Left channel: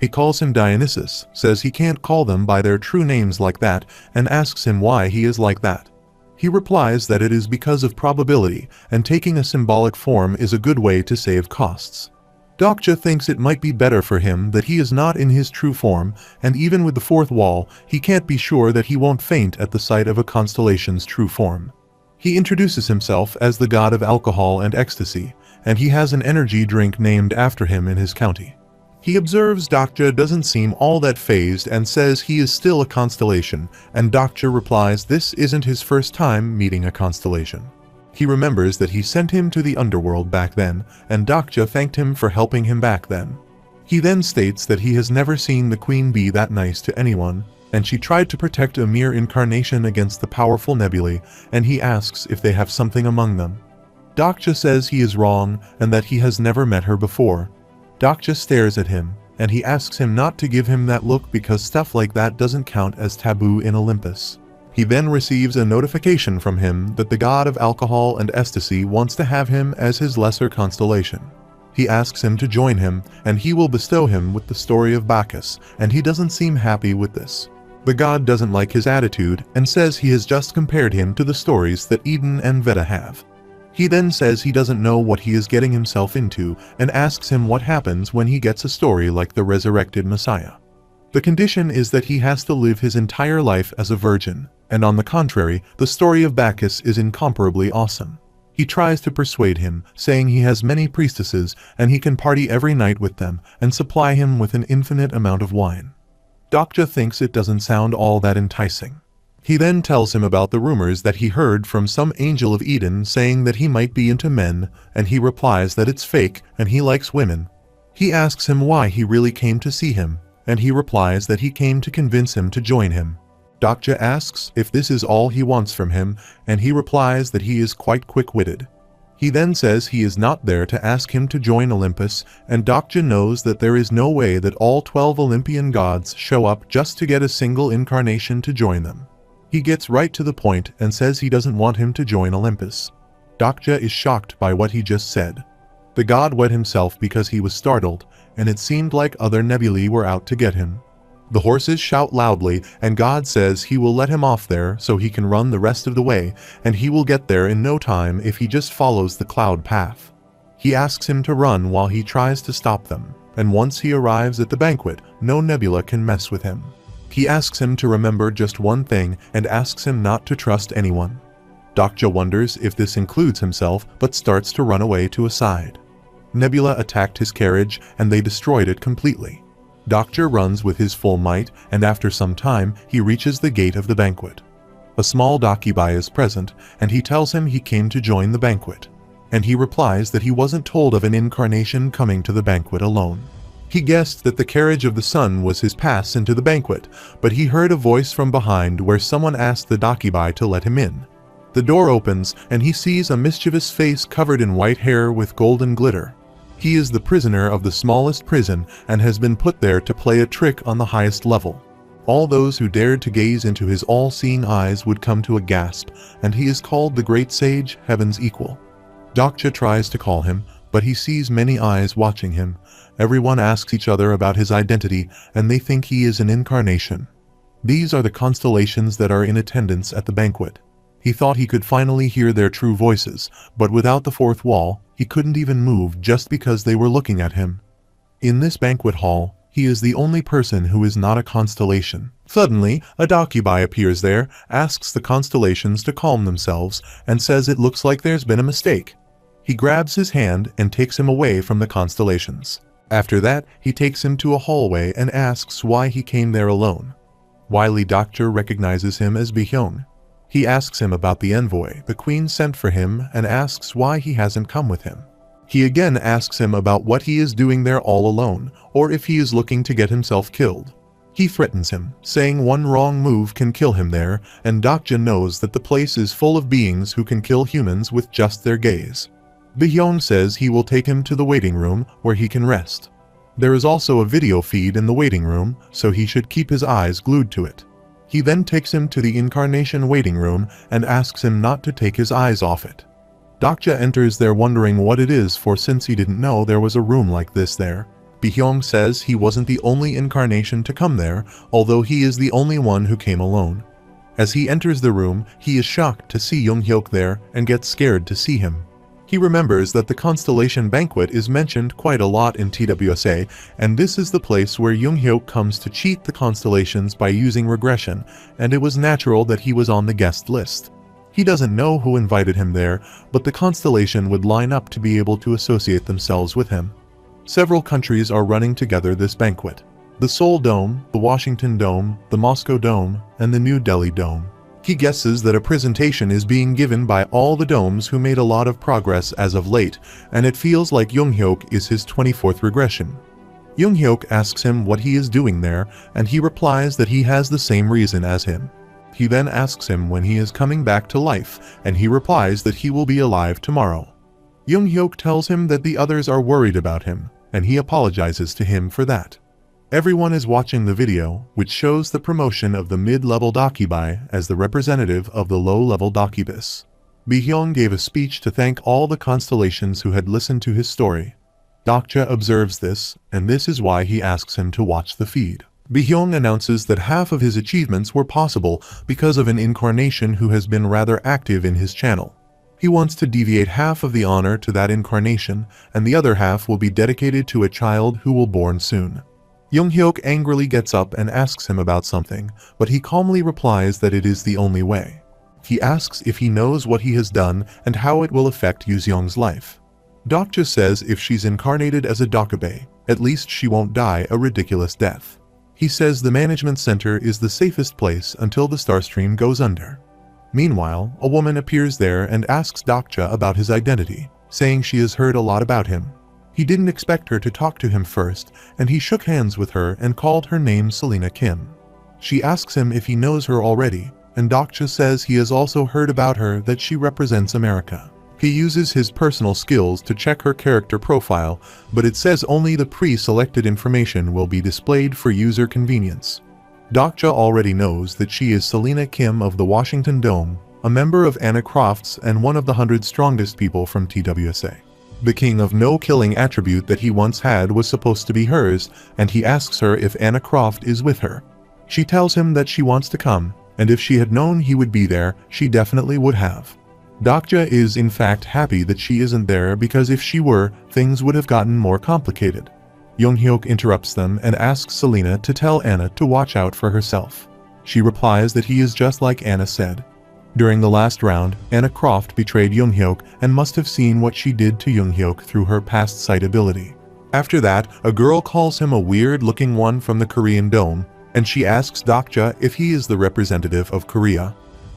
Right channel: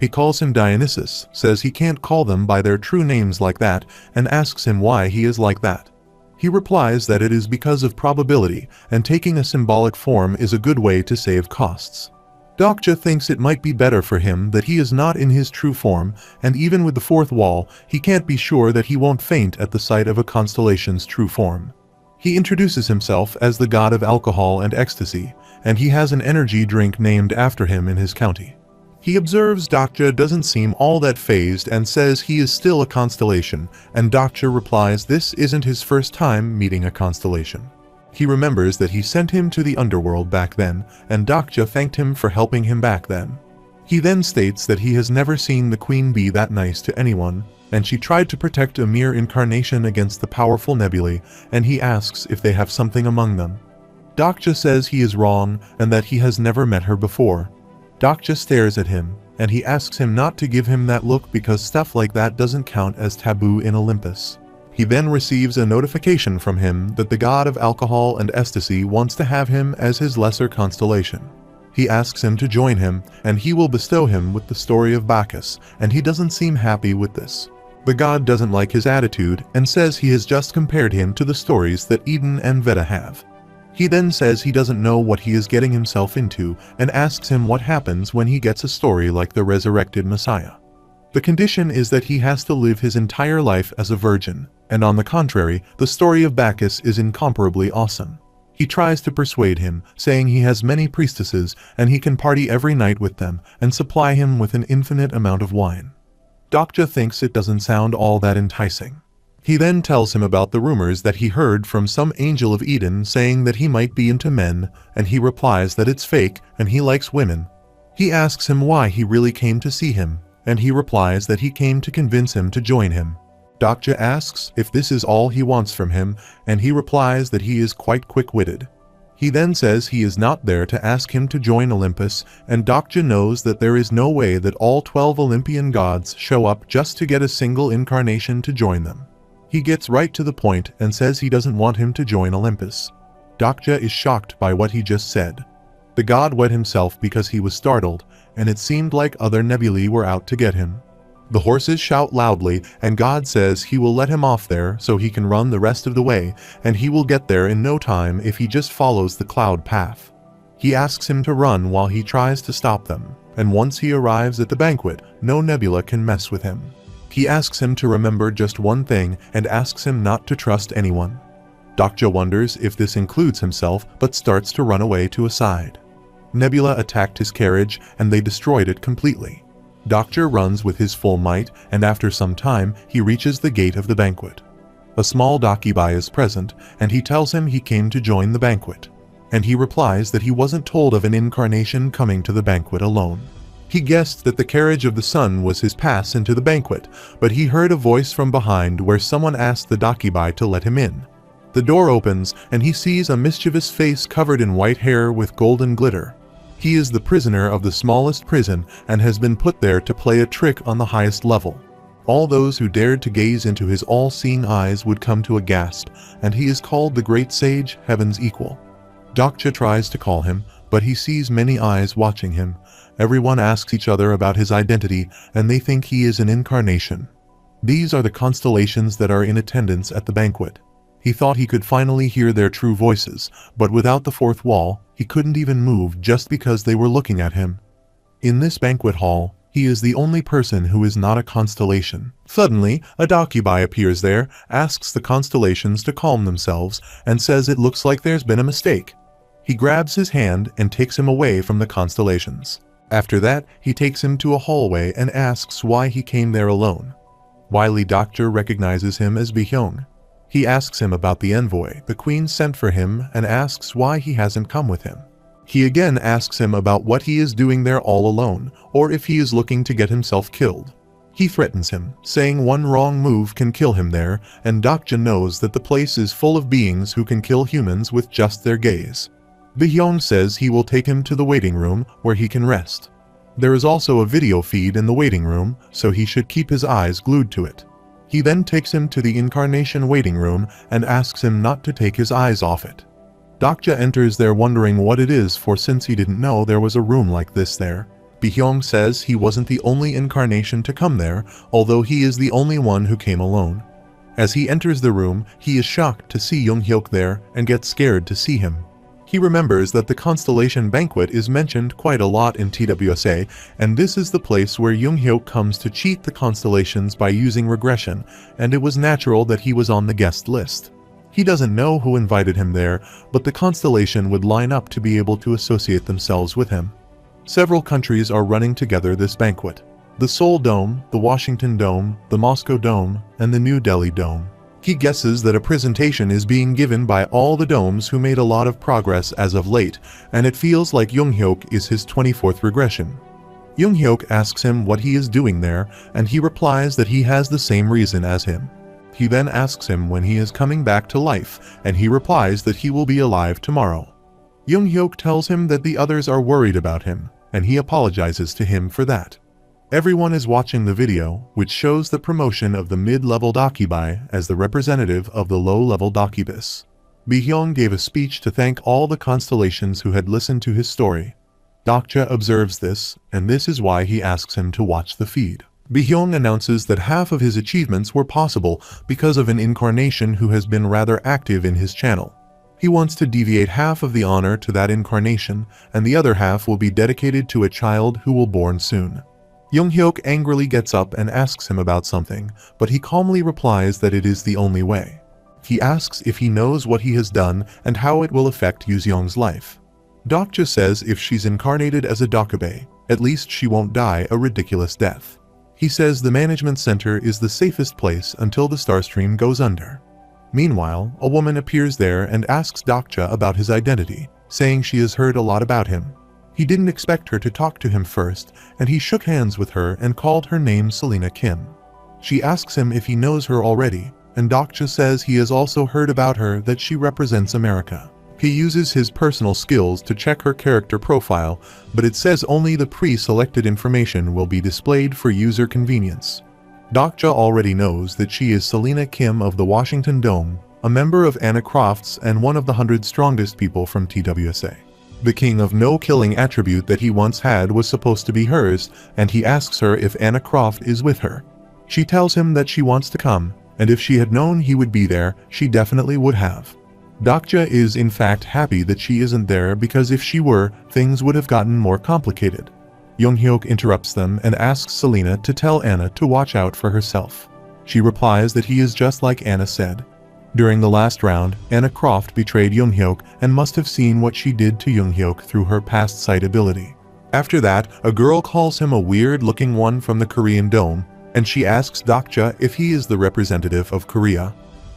He calls him Dionysus, says he can't call them by their true names like that, and asks him why he is like that. He replies that it is because of probability, and taking a symbolic form is a good way to save costs. Dokja thinks it might be better for him that he is not in his true form, and even with the fourth wall, he can't be sure that he won't faint at the sight of a constellation's true form. He introduces himself as the god of alcohol and ecstasy, and he has an energy drink named after him in his county. He observes Dokja doesn't seem all that fazed and says he is still a constellation, and Dokja replies this isn't his first time meeting a constellation. He remembers that he sent him to the underworld back then, and Dokja thanked him for helping him back then. He then states that he has never seen the queen be that nice to anyone, and she tried to protect a mere incarnation against the powerful nebulae, and he asks if they have something among them. Dokja says he is wrong and that he has never met her before. Dokja stares at him, and he asks him not to give him that look because stuff like that doesn't count as taboo in Olympus. He then receives a notification from him that the god of alcohol and ecstasy wants to have him as his lesser constellation. He asks him to join him, and he will bestow him with the story of Bacchus, and he doesn't seem happy with this. The god doesn't like his attitude and says he has just compared him to the stories that Eden and Veda have. He then says he doesn't know what he is getting himself into and asks him what happens when he gets a story like the resurrected Messiah. The condition is that he has to live his entire life as a virgin, and on the contrary, the story of Bacchus is incomparably awesome. He tries to persuade him, saying he has many priestesses and he can party every night with them and supply him with an infinite amount of wine. Dokja thinks it doesn't sound all that enticing. He then tells him about the rumors that he heard from some angel of Eden saying that he might be into men, and he replies that it's fake and he likes women. He asks him why he really came to see him, and he replies that he came to convince him to join him. Dokja asks if this is all he wants from him, and he replies that he is quite quick-witted. He then says he is not there to ask him to join Olympus, and Dokja knows that there is no way that all 12 Olympian gods show up just to get a single incarnation to join them. He gets right to the point and says he doesn't want him to join Olympus. Dokja is shocked by what he just said. The god wet himself because he was startled, and it seemed like other nebulae were out to get him. The horses shout loudly, and God says he will let him off there so he can run the rest of the way, and he will get there in no time if he just follows the cloud path. He asks him to run while he tries to stop them, and once he arrives at the banquet, no nebula can mess with him. He asks him to remember just one thing and asks him not to trust anyone. Dokja wonders if this includes himself, but starts to run away to a side. Nebula attacked his carriage and they destroyed it completely. Dokja runs with his full might, and after some time he reaches the gate of the banquet. A small Dakibai is present, and he tells him he came to join the banquet. And he replies that he wasn't told of an incarnation coming to the banquet alone. He guessed that the carriage of the sun was his pass into the banquet, but he heard a voice from behind where someone asked the Dakibai to let him in. The door opens, and he sees a mischievous face covered in white hair with golden glitter. He is the prisoner of the smallest prison and has been put there to play a trick on the highest level. All those who dared to gaze into his all-seeing eyes would come to a gasp, and he is called the Great Sage, Heaven's Equal. Dokja tries to call him, but he sees many eyes watching him. Everyone asks each other about his identity, and they think he is an incarnation. These are the constellations that are in attendance at the banquet. He thought he could finally hear their true voices, but without the fourth wall, he couldn't even move just because they were looking at him. In this banquet hall, he is the only person who is not a constellation. Suddenly, a Dakibai appears there, asks the constellations to calm themselves, and says it looks like there's been a mistake. He grabs his hand and takes him away from the constellations. After that, he takes him to a hallway and asks why he came there alone. Wily Doctor recognizes him as Bihyung. He asks him about the envoy the queen sent for him and asks why he hasn't come with him. He again asks him about what he is doing there all alone, or if he is looking to get himself killed. He threatens him, saying one wrong move can kill him there, and Dokja knows that the place is full of beings who can kill humans with just their gaze. Bihyung says he will take him to the waiting room where he can rest. There is also a video feed in the waiting room, so he should keep his eyes glued to it. He then takes him to the Incarnation waiting room and asks him not to take his eyes off it. Dokja enters there wondering what it is, for since he didn't know there was a room like this there. Byung says he wasn't the only incarnation to come there, although he is the only one who came alone. As he enters the room, he is shocked to see Young-hyuk there and gets scared to see him. He remembers that the Constellation banquet is mentioned quite a lot in TWSA, and this is the place where Young-hyuk comes to cheat the constellations by using regression, and it was natural that he was on the guest list. He doesn't know who invited him there, but the constellation would line up to be able to associate themselves with him. Several countries are running together this banquet: the Seoul Dome, the Washington Dome, the Moscow Dome, and the New Delhi Dome. He guesses that a presentation is being given by all the domes who made a lot of progress as of late, and it feels like Young-hyuk is his 24th regression. Young-hyuk asks him what he is doing there, and he replies that he has the same reason as him. He then asks him when he is coming back to life, and he replies that he will be alive tomorrow. Young-hyuk tells him that the others are worried about him, and he apologizes to him for that. Everyone is watching the video, which shows the promotion of the mid-level Dakibai as the representative of the low-level Dakibus. Byung gave a speech to thank all the constellations who had listened to his story. Dokja observes this, and this is why he asks him to watch the feed. Byung announces that half of his achievements were possible because of an incarnation who has been rather active in his channel. He wants to deviate half of the honor to that incarnation, and the other half will be dedicated to a child who will born soon. Young-hyuk angrily gets up and asks him about something, but he calmly replies that it is the only way. He asks if he knows what he has done and how it will affect Yuseong's life. Dokja says if she's incarnated as a Dokkabe, at least she won't die a ridiculous death. He says the management center is the safest place until the Starstream goes under. Meanwhile, a woman appears there and asks Dokja about his identity, saying she has heard a lot about him. He didn't expect her to talk to him first, and he shook hands with her and called her name Selena Kim. She asks him if he knows her already, and Dokja says he has also heard about her that she represents America. He uses his personal skills to check her character profile, but it says only the pre-selected information will be displayed for user convenience. Dokja already knows that she is Selena Kim of the Washington Dome, a member of Anna Croft's and one of the 100 strongest people from TWSA. The king of no-killing attribute that he once had was supposed to be hers, and he asks her if Anna Croft is with her. She tells him that she wants to come, and if she had known he would be there, she definitely would have. Dokja is in fact happy that she isn't there because if she were, things would have gotten more complicated. Young-hyuk interrupts them and asks Selena to tell Anna to watch out for herself. She replies that he is just like Anna said. During the last round, Anna Croft betrayed Young-hyuk and must have seen what she did to Young-hyuk through her past sight ability. After that, a girl calls him a weird-looking one from the Korean Dome, and she asks Dokja if he is the representative of Korea.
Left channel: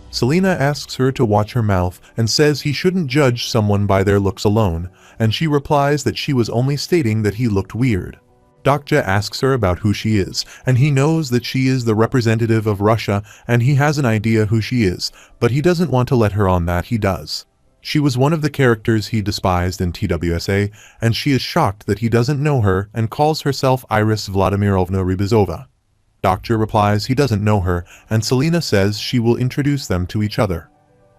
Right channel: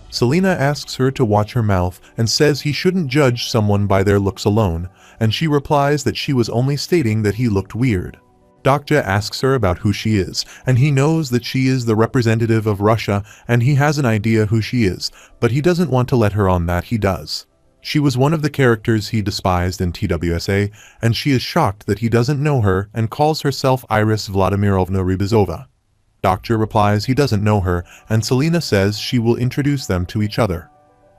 Selena asks her to watch her mouth and says he shouldn't judge someone by their looks alone, and she replies that she was only stating that he looked weird. Dokja asks her about who she is, and he knows that she is the representative of Russia, and he has an idea who she is, but he doesn't want to let her on that he does. She was one of the characters he despised in TWSA, and she is shocked that he doesn't know her and calls herself Iris Vladimirovna Rybizova. Dokja replies he doesn't know her, and Selena says she will introduce them to each other.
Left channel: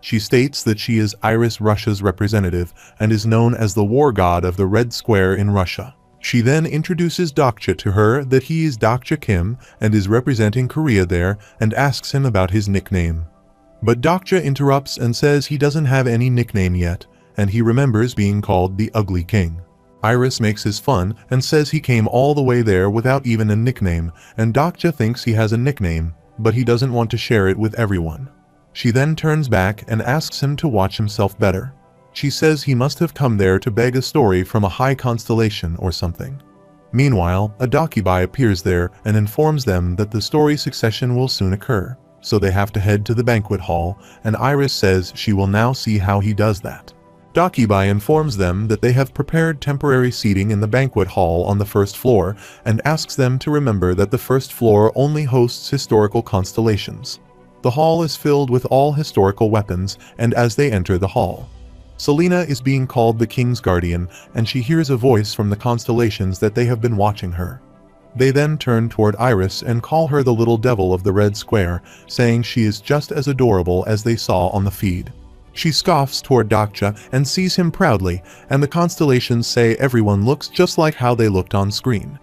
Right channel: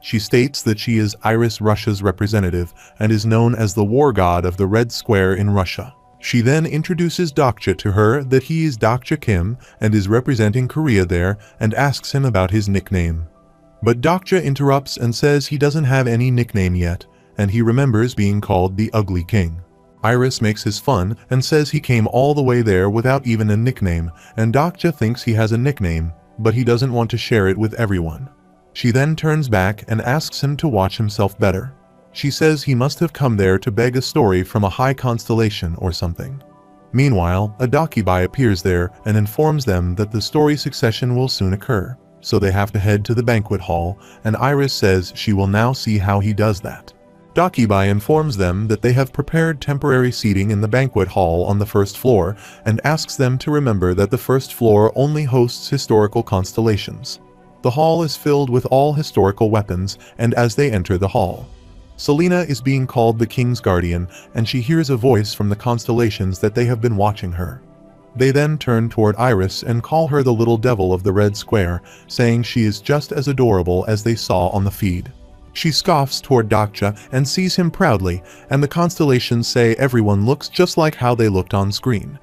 She states that she is Iris Russia's representative and is known as the war god of the Red Square in Russia. She then introduces Dokja to her that he is Dokja Kim and is representing Korea there and asks him about his nickname. But Dokja interrupts and says he doesn't have any nickname yet, and he remembers being called the Ugly King. Iris makes his fun and says he came all the way there without even a nickname, and Dokja thinks he has a nickname, but he doesn't want to share it with everyone. She then turns back and asks him to watch himself better. She says he must have come there to beg a story from a high constellation or something. Meanwhile, a Dakibai appears there and informs them that the story succession will soon occur, so they have to head to the banquet hall, and Iris says she will now see how he does that. Dakibai informs them that they have prepared temporary seating in the banquet hall on the first floor and asks them to remember that the first floor only hosts historical constellations. The hall is filled with all historical weapons, and as they enter the hall, Selena is being called the King's Guardian, and she hears a voice from the constellations that they have been watching her. They then turn toward Iris and call her the little devil of the Red Square, saying she is just as adorable as they saw on the feed. She scoffs toward Dokja and sees him proudly, and the constellations say everyone looks just like how they looked on screen.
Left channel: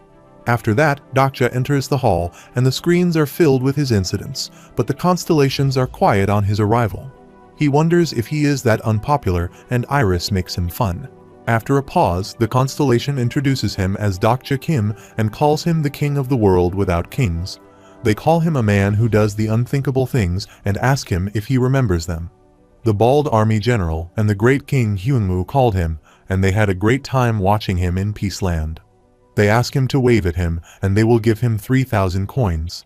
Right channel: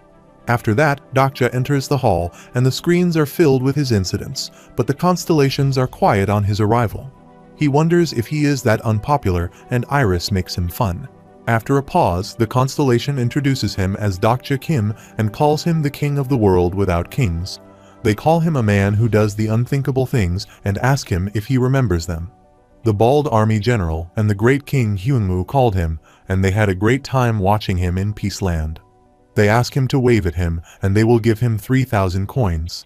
After that, Dokja enters the hall, and the screens are filled with his incidents, but the constellations are quiet on his arrival. He wonders if he is that unpopular, and Iris makes him fun. After a pause, the constellation introduces him as Dokja Kim and calls him the king of the world without kings. They call him a man who does the unthinkable things and ask him if he remembers them. The bald army general and the great king Hyunmoo called him, and they had a great time watching him in Peaceland. They ask him to wave at him, and they will give him 3,000 coins.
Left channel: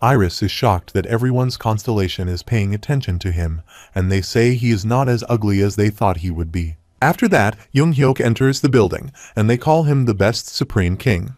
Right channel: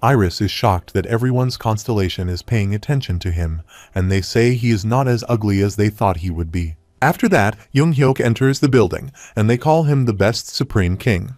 Iris is shocked that everyone's constellation is paying attention to him, and they say he is not as ugly as they thought he would be. After that, Young-hyuk enters the building, and they call him the best supreme king.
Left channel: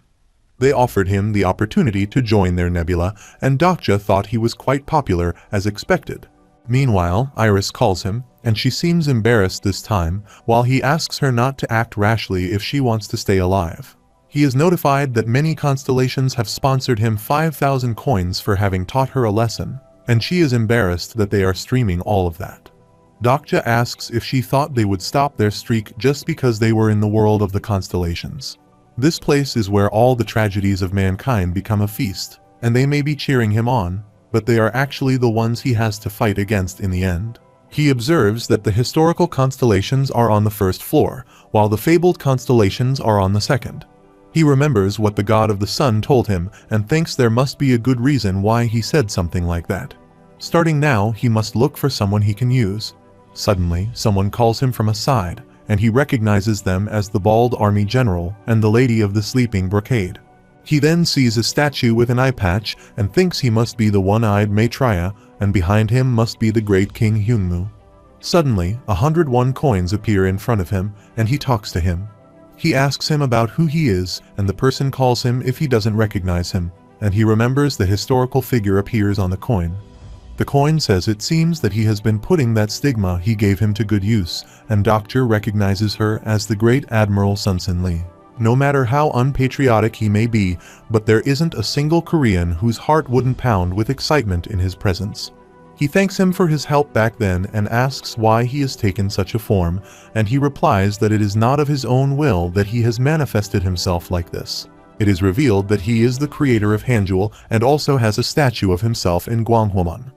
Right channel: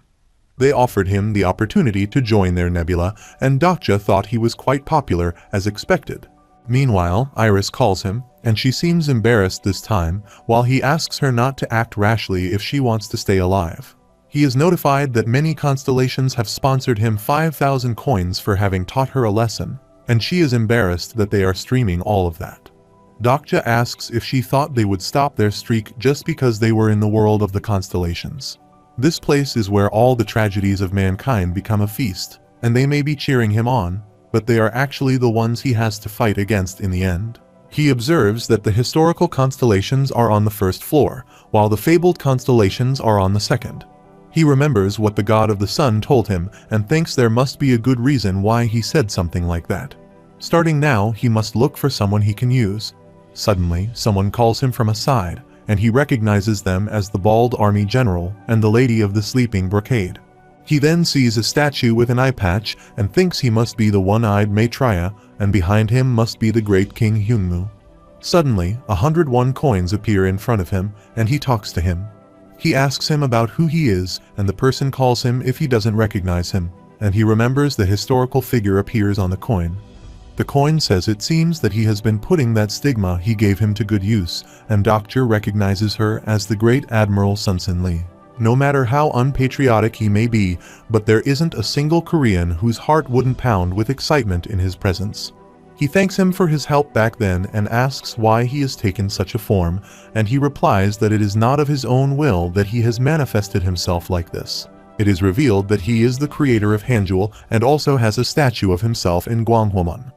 They offered him the opportunity to join their nebula, and Dokja thought he was quite popular as expected. Meanwhile, Iris calls him, and she seems embarrassed this time, while he asks her not to act rashly if she wants to stay alive. He is notified that many constellations have sponsored him 5,000 coins for having taught her a lesson, and she is embarrassed that they are streaming all of that. Dokja asks if she thought they would stop their streak just because they were in the world of the constellations. This place is where all the tragedies of mankind become a feast, and they may be cheering him on, but they are actually the ones he has to fight against in the end. He observes that the historical constellations are on the first floor, while the fabled constellations are on the second. He remembers what the god of the sun told him and thinks there must be a good reason why he said something like that. Starting now, he must look for someone he can use. Suddenly, someone calls him from a side, and he recognizes them as the bald army general and the lady of the sleeping brocade. He then sees a statue with an eye patch and thinks he must be the one-eyed Maitreya, and behind him must be the great King Hyunmoo. Suddenly, 101 coins appear in front of him, and he talks to him. He asks him about who he is, and the person calls him if he doesn't recognize him, and he remembers the historical figure appears on the coin. The coin says it seems that he has been putting that stigma he gave him to good use, and Dokja recognizes her as the great Admiral Sunsin Lee. No matter how unpatriotic he may be, but there isn't a single Korean whose heart wouldn't pound with excitement in his presence. He thanks him for his help back then and asks why he has taken such a form, and he replies that it is not of his own will that he has manifested himself like this. It is revealed that he is the creator of Hanjul and also has a statue of himself in Gwanghwamun.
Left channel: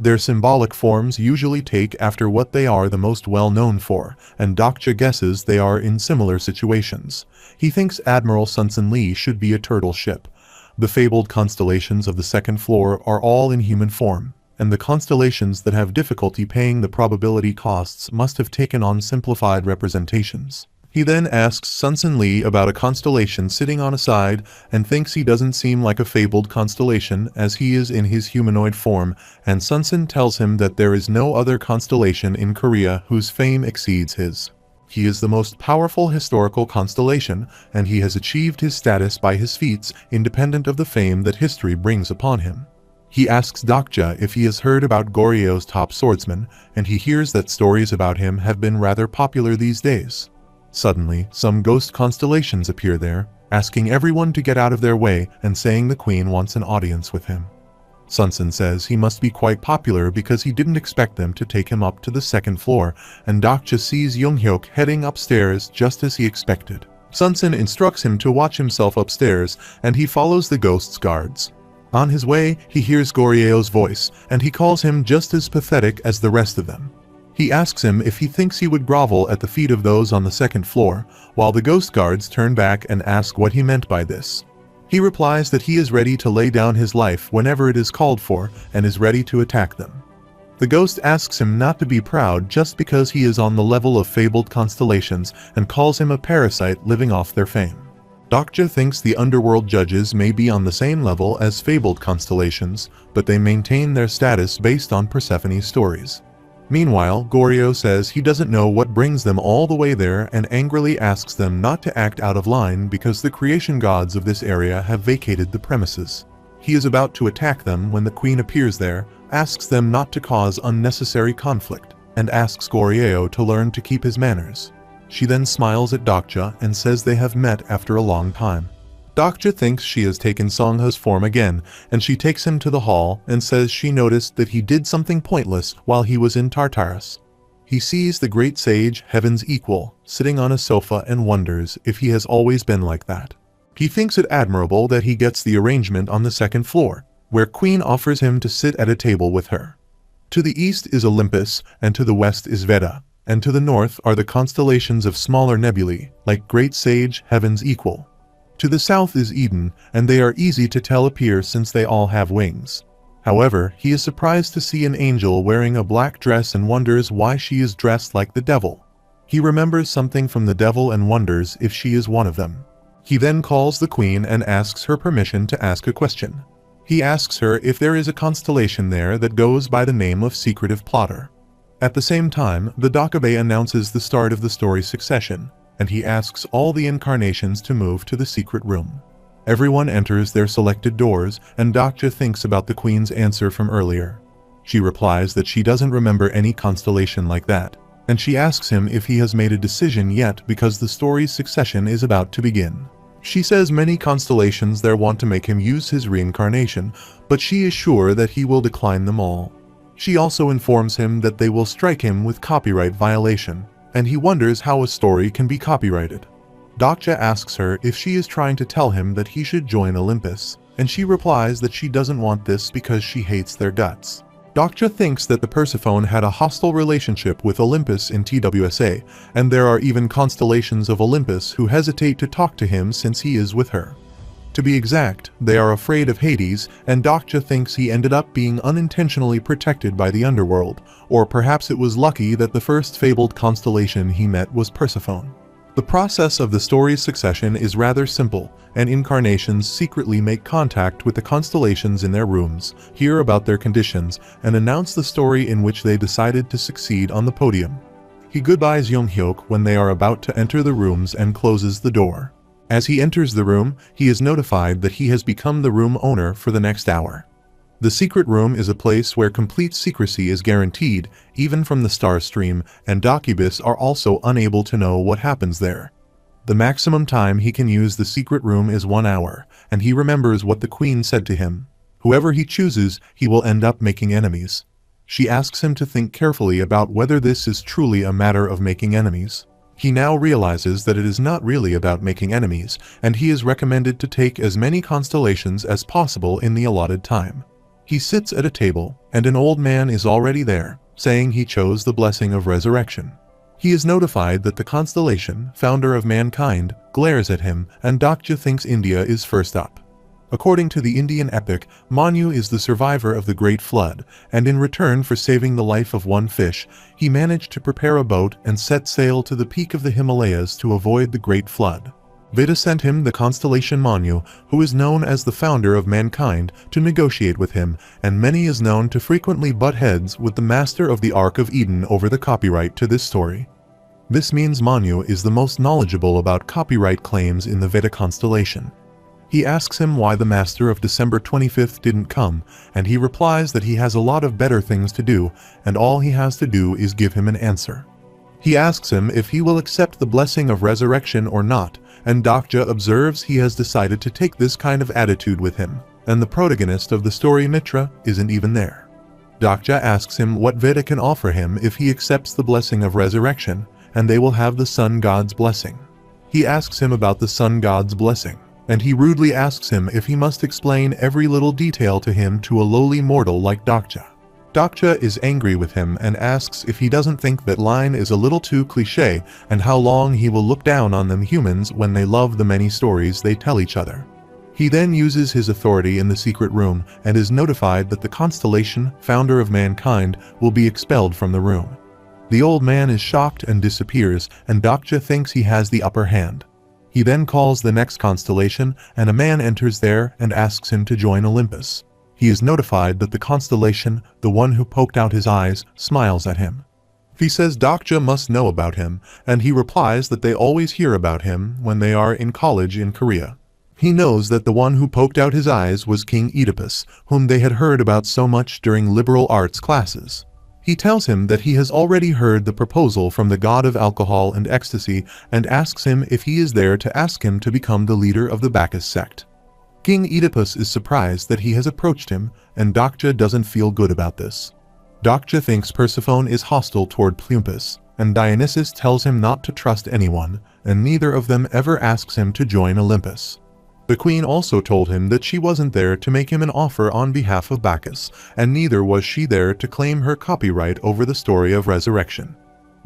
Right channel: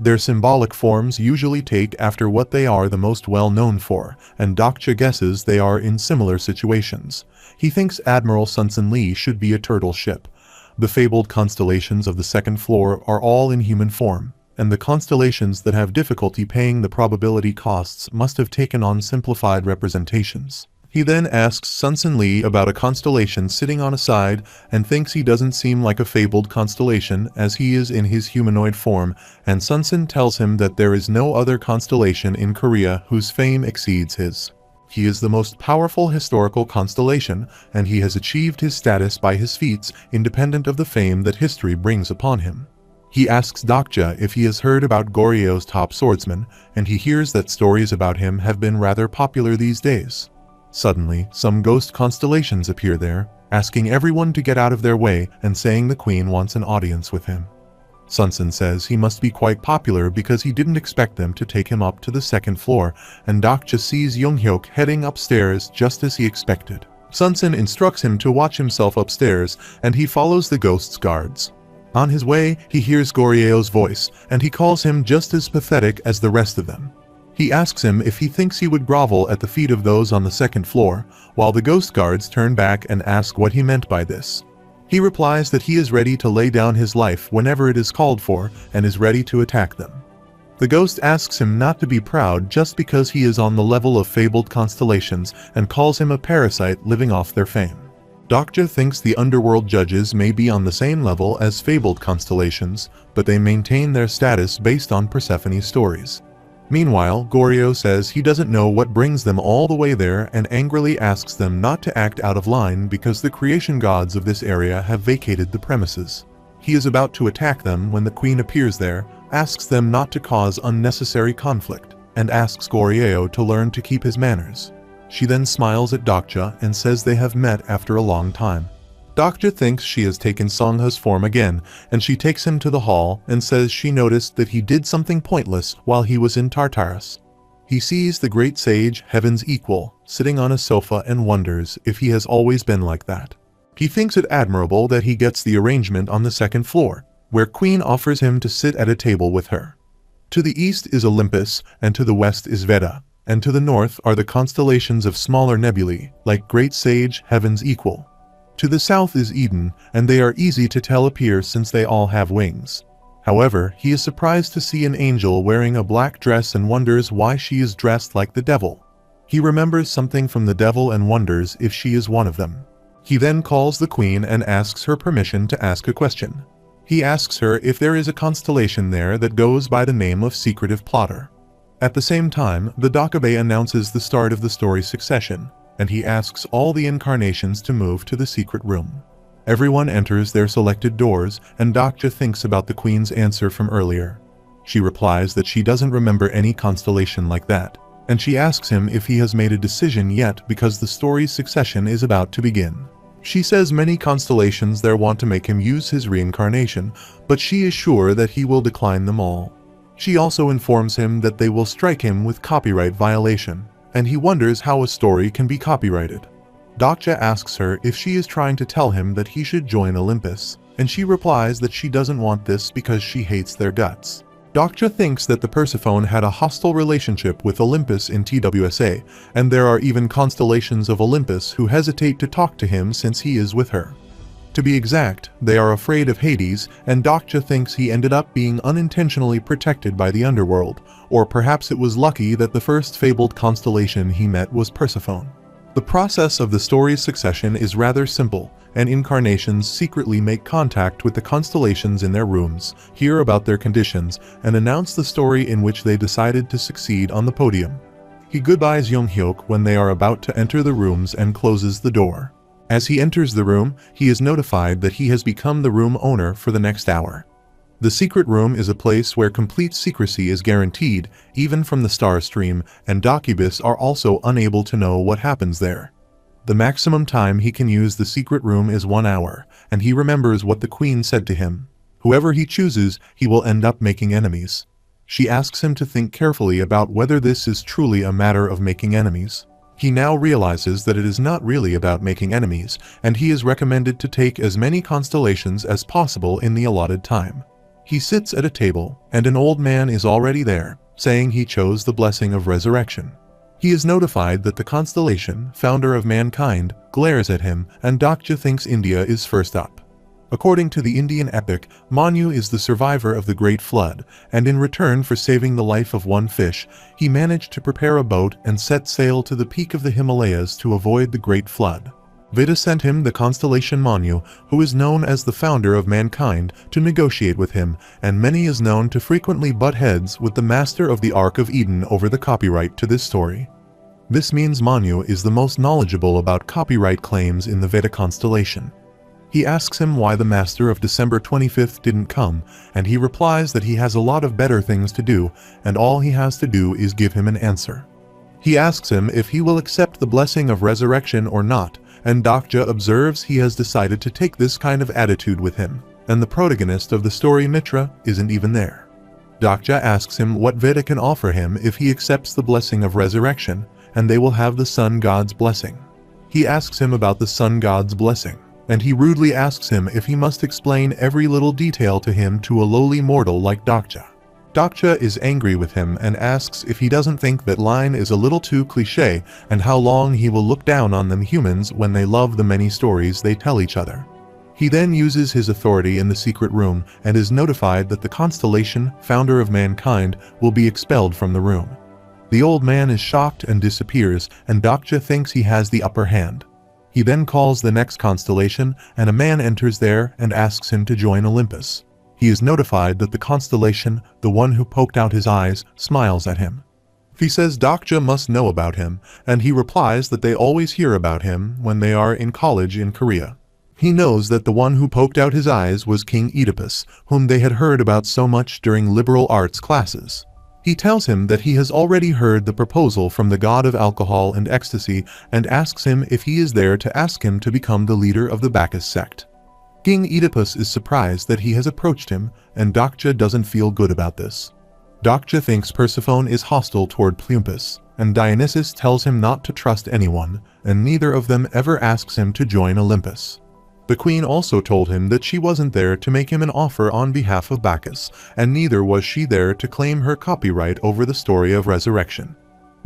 Their symbolic forms usually take after what they are the most well known for, and Dokja guesses they are in similar situations. He thinks Admiral Sunsin Lee should be a turtle ship. The fabled constellations of the second floor are all in human form, and the constellations that have difficulty paying the probability costs must have taken on simplified representations. He then asks Sunsin Lee about a constellation sitting on a side and thinks he doesn't seem like a fabled constellation as he is in his humanoid form, and Sunsin tells him that there is no other constellation in Korea whose fame exceeds his. He is the most powerful historical constellation, and he has achieved his status by his feats independent of the fame that history brings upon him. He asks Dokja if he has heard about Goryeo's top swordsman, and he hears that stories about him have been rather popular these days. Suddenly, some ghost constellations appear there, asking everyone to get out of their way and saying the queen wants an audience with him. Sunsin says he must be quite popular because he didn't expect them to take him up to the second floor, and Dokja sees Young-hyuk heading upstairs just as he expected. Sunsin instructs him to watch himself upstairs, and he follows the ghost's guards. On his way, he hears Goryeo's voice, and he calls him just as pathetic as the rest of them. He asks him if he thinks he would grovel at the feet of those on the second floor, while the ghost guards turn back and ask what he meant by this. He replies that he is ready to lay down his life whenever it is called for and is ready to attack them. The ghost asks him not to be proud just because he is on the level of fabled constellations and calls him a parasite living off their fame. Dokja thinks the underworld judges may be on the same level as fabled constellations, but they maintain their status based on Persephone's stories. Meanwhile, Goryeo says he doesn't know what brings them all the way there and angrily asks them not to act out of line because the creation gods of this area have vacated the premises. He is about to attack them when the queen appears there, asks them not to cause unnecessary conflict, and asks Goryeo to learn to keep his manners. She then smiles at Dokja and says they have met after a long time. Dokja thinks she has taken Songha's form again, and she takes him to the hall and says she noticed that he did something pointless while he was in Tartarus. He sees the great sage, heaven's equal, sitting on a sofa and wonders if he has always been like that. He thinks it admirable that he gets the arrangement on the second floor, where Queen offers him to sit at a table with her. To the east is Olympus, and to the west is Veda, and to the north are the constellations of smaller nebulae, like great sage, heaven's equal. To the south is Eden, and they are easy to tell appear since they all have wings. However, he is surprised to see an angel wearing a black dress and wonders why she is dressed like the devil. He remembers something from the devil and wonders if she is one of them. He then calls the queen and asks her permission to ask a question. He asks her if there is a constellation there that goes by the name of Secretive Plotter. At the same time, the Dakabe announces the start of the story succession, and he asks all the incarnations to move to the secret room. Everyone enters their selected doors, and Dokja thinks about the queen's answer from earlier. She replies that she doesn't remember any constellation like that, and she asks him if he has made a decision yet because the story's succession is about to begin. She says many constellations there want to make him use his reincarnation, but she is sure that he will decline them all. She also informs him that they will strike him with copyright violation, and he wonders how a story can be copyrighted. Dokja asks her if she is trying to tell him that he should join Olympus, and she replies that she doesn't want this because she hates their guts. Dokja thinks that the Persephone had a hostile relationship with Olympus in TWSA, and there are even constellations of Olympus who hesitate to talk to him since he is with her. To be exact, they are afraid of Hades, and Dokja thinks he ended up being unintentionally protected by the underworld, or perhaps it was lucky that the first fabled constellation he met was Persephone. The process of the story's succession is rather simple, and incarnations secretly make contact with the constellations in their rooms, hear about their conditions, and announce the story in which they decided to succeed on the podium. He goodbyes Young-hyuk when they are about to enter the rooms and closes the door. As he enters the room, he is notified that he has become the room owner for the next hour. The secret room is a place where complete secrecy is guaranteed, even from the star stream, and Dokibus are also unable to know what happens there. The maximum time he can use the secret room is 1 hour, and he remembers what the queen said to him. Whoever he chooses, he will end up making enemies. She asks him to think carefully about whether this is truly a matter of making enemies. He now realizes that it is not really about making enemies, and he is recommended to take as many constellations as possible in the allotted time. He sits at a table, and an old man is already there, saying he chose the blessing of resurrection. He is notified that the constellation, founder of mankind, glares at him, and Dokja thinks India is first up. According to the Indian epic, Manu is the survivor of the Great Flood, and in return for saving the life of one fish, he managed to prepare a boat and set sail to the peak of the Himalayas to avoid the Great Flood. Veda sent him the constellation Manu, who is known as the founder of mankind, to negotiate with him, and Many is known to frequently butt heads with the master of the Ark of Eden over the copyright to this story. This means Manu is the most knowledgeable about copyright claims in the Veda constellation. He asks him why the master of December 25th didn't come, and he replies that he has a lot of better things to do, and all he has to do is give him an answer. He asks him if he will accept the blessing of resurrection or not, and Dokja observes he has decided to take this kind of attitude with him, and the protagonist of the story Mitra isn't even there. Dokja asks him what Veda can offer him if he accepts the blessing of resurrection, and they will have the sun god's blessing. He asks him about the sun god's blessing, and he rudely asks him if he must explain every little detail to him to a lowly mortal like Dokja. Dokja is angry with him and asks if he doesn't think that line is a little too cliché and how long he will look down on them humans when they love the many stories they tell each other. He then uses his authority in the secret room and is notified that the constellation, founder of mankind, will be expelled from the room. The old man is shocked and disappears, and Dokja thinks he has the upper hand. He then calls the next constellation, and a man enters there and asks him to join Olympus. He is notified that the constellation, the one who poked out his eyes, smiles at him. He says Dokja must know about him, and he replies that they always hear about him when they are in college in Korea. He knows that the one who poked out his eyes was King Oedipus, whom they had heard about so much during liberal arts classes. He tells him that he has already heard the proposal from the god of alcohol and ecstasy and asks him if he is there to ask him to become the leader of the Bacchus sect. King Oedipus is surprised that he has approached him, and Dokja doesn't feel good about this. Dokja thinks Persephone is hostile toward Plumpus, and Dionysus tells him not to trust anyone, and neither of them ever asks him to join Olympus. The queen also told him that she wasn't there to make him an offer on behalf of Bacchus, and neither was she there to claim her copyright over the story of resurrection.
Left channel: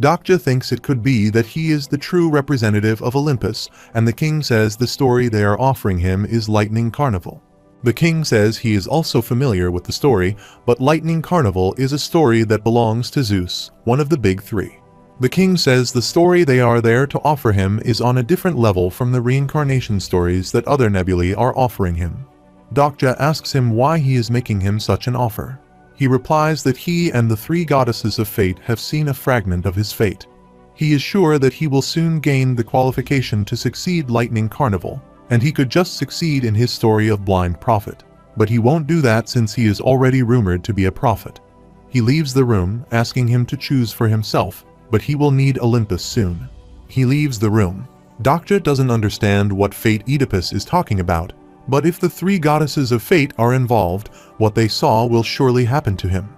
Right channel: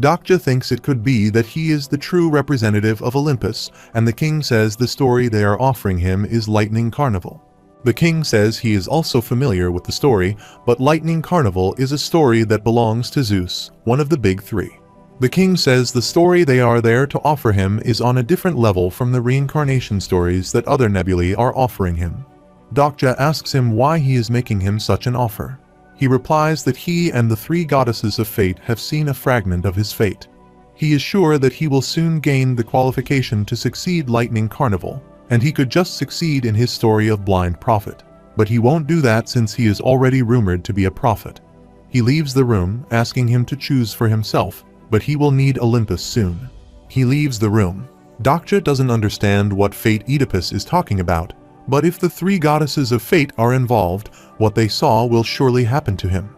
Dokja thinks it could be that he is the true representative of Olympus, and the king says the story they are offering him is Lightning Carnival. The king says he is also familiar with the story, but Lightning Carnival is a story that belongs to Zeus, one of the big three. The king says the story they are there to offer him is on a different level from the reincarnation stories that other nebulae are offering him. Dokja asks him why he is making him such an offer. He replies that he and the three goddesses of fate have seen a fragment of his fate. He is sure that he will soon gain the qualification to succeed Lightning Carnival, and he could just succeed in his story of blind prophet. But he won't do that since he is already rumored to be a prophet. He leaves the room, asking him to choose for himself, but he will need Olympus soon. He leaves the room. Dokja doesn't understand what fate Oedipus is talking about, but if the three goddesses of fate are involved, what they saw will surely happen to him.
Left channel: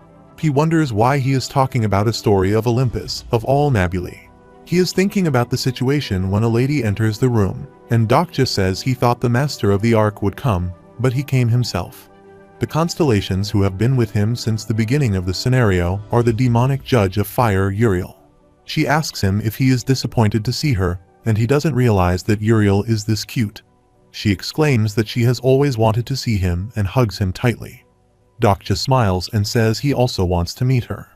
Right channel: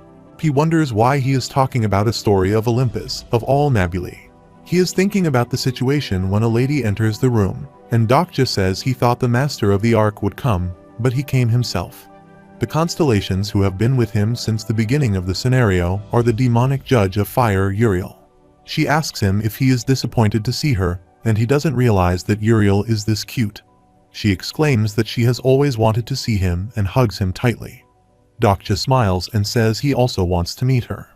He wonders why he is talking about a story of Olympus, of all nebulae. He is thinking about the situation when a lady enters the room, and Dokja says he thought the master of the ark would come, but he came himself. The constellations who have been with him since the beginning of the scenario are the demonic judge of fire, Uriel. She asks him if he is disappointed to see her, and he doesn't realize that Uriel is this cute. She exclaims that she has always wanted to see him and hugs him tightly. Dokja smiles and says he also wants to meet her.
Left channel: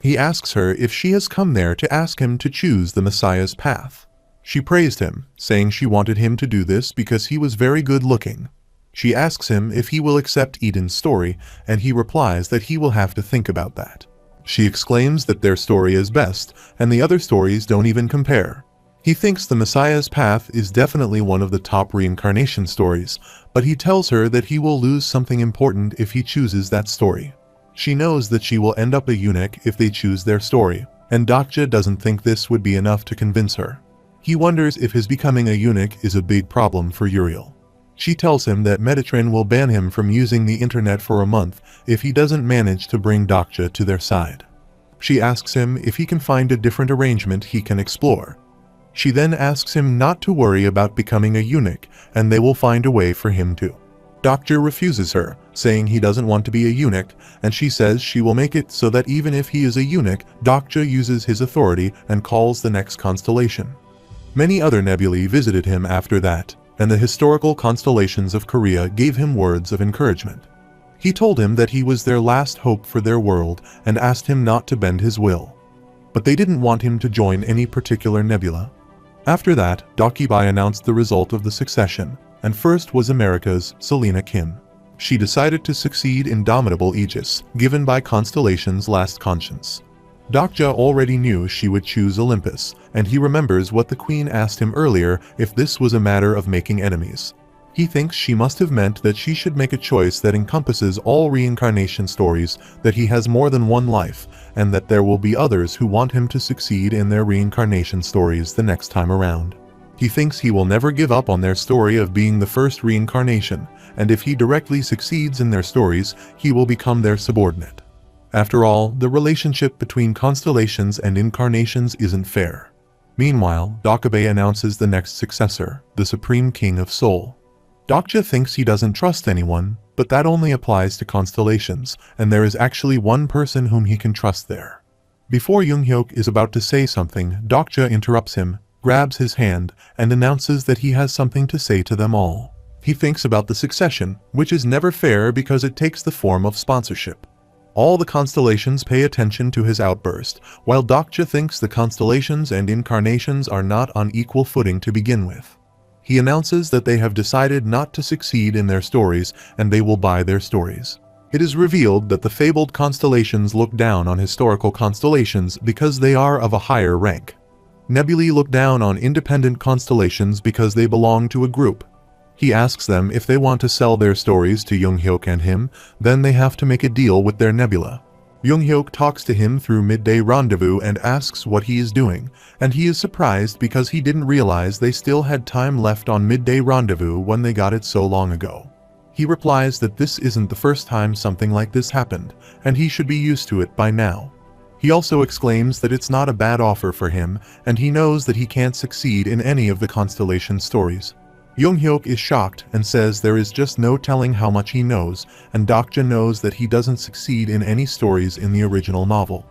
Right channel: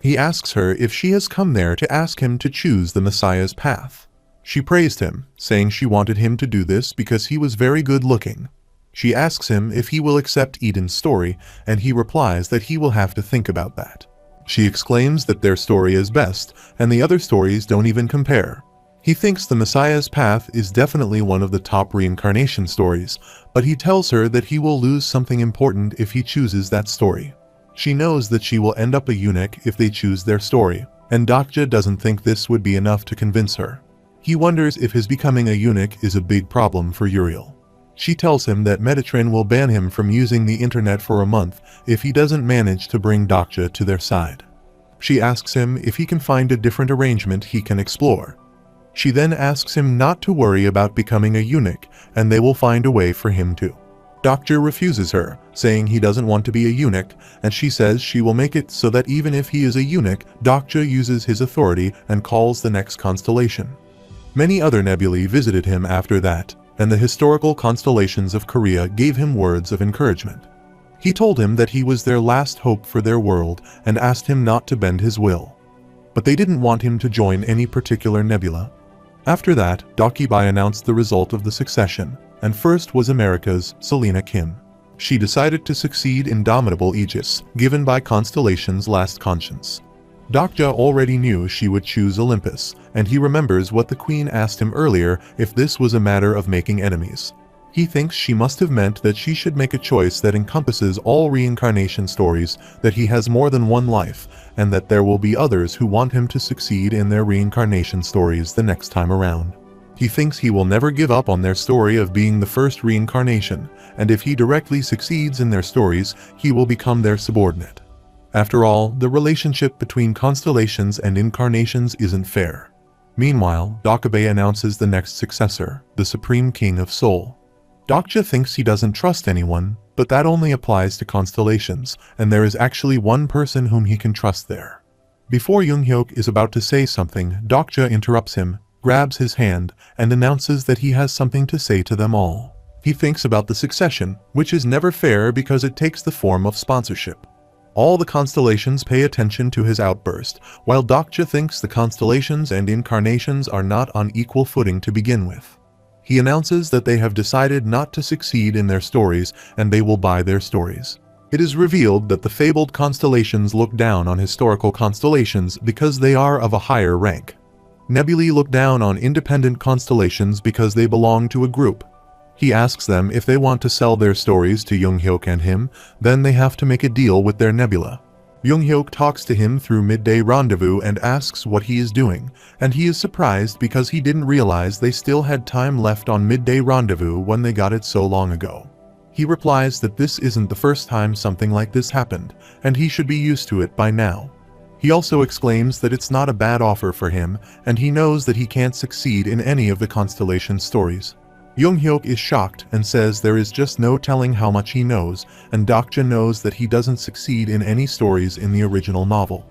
He asks her if she has come there to ask him to choose the Messiah's path. She praised him, saying she wanted him to do this because he was very good looking. She asks him if he will accept Eden's story, and he replies that he will have to think about that. She exclaims that their story is best, and the other stories don't even compare. He thinks the Messiah's path is definitely one of the top reincarnation stories, but he tells her that he will lose something important if he chooses that story. She knows that she will end up a eunuch if they choose their story, and Dokja doesn't think this would be enough to convince her. He wonders if his becoming a eunuch is a big problem for Uriel. She tells him that Metatron will ban him from using the internet for a month if he doesn't manage to bring Dokja to their side. She asks him if he can find a different arrangement he can explore. She then asks him not to worry about becoming a eunuch, and they will find a way for him to. Dokja refuses her, saying he doesn't want to be a eunuch, and she says she will make it so that even if he is a eunuch, Dokja uses his authority and calls the next constellation. Many other nebulae visited him after that, and the historical constellations of Korea gave him words of encouragement. He told him that he was their last hope for their world and asked him not to bend his will. But they didn't want him to join any particular nebula. After that, Dokibai announced the result of the succession, and first was America's Selena Kim. She decided to succeed Indomitable Aegis, given by Constellation's last conscience. Dokja already knew she would choose Olympus, and he remembers what the queen asked him earlier if this was a matter of making enemies. He thinks she must have meant that she should make a choice that encompasses all reincarnation stories, that he has more than one life, and that there will be others who want him to succeed in their reincarnation stories the next time around. He thinks he will never give up on their story of being the first reincarnation, and if he directly succeeds in their stories, he will become their subordinate. After all, the relationship between constellations and incarnations isn't fair. Meanwhile, Dokkaebi announces the next successor, the Supreme King of Seoul. Dokja thinks he doesn't trust anyone, but that only applies to constellations, and there is actually one person whom he can trust there. Before Younghyuk is about to say something, Dokja interrupts him, grabs his hand, and announces that he has something to say to them all. He thinks about the succession, which is never fair because it takes the form of sponsorship. All the constellations pay attention to his outburst, while Dokja thinks the constellations and incarnations are not on equal footing to begin with. He announces that they have decided not to succeed in their stories, and they will buy their stories. It is revealed that the fabled constellations look down on historical constellations because they are of a higher rank. Nebulae look down on independent constellations because they belong to a group. He asks them if they want to sell their stories to Younghyuk and him, then they have to make a deal with their nebula. Younghyuk talks to him through Midday Rendezvous and asks what he is doing, and he is surprised because he didn't realize they still had time left on Midday Rendezvous when they got it so long ago. He replies that this isn't the first time something like this happened, and he should be used to it by now. He also exclaims that it's not a bad offer for him, and he knows that he can't succeed in any of the Constellation stories. Young-hyuk is shocked and says there is just no telling how much he knows, and Dokja knows that he doesn't succeed in any stories in the original novel.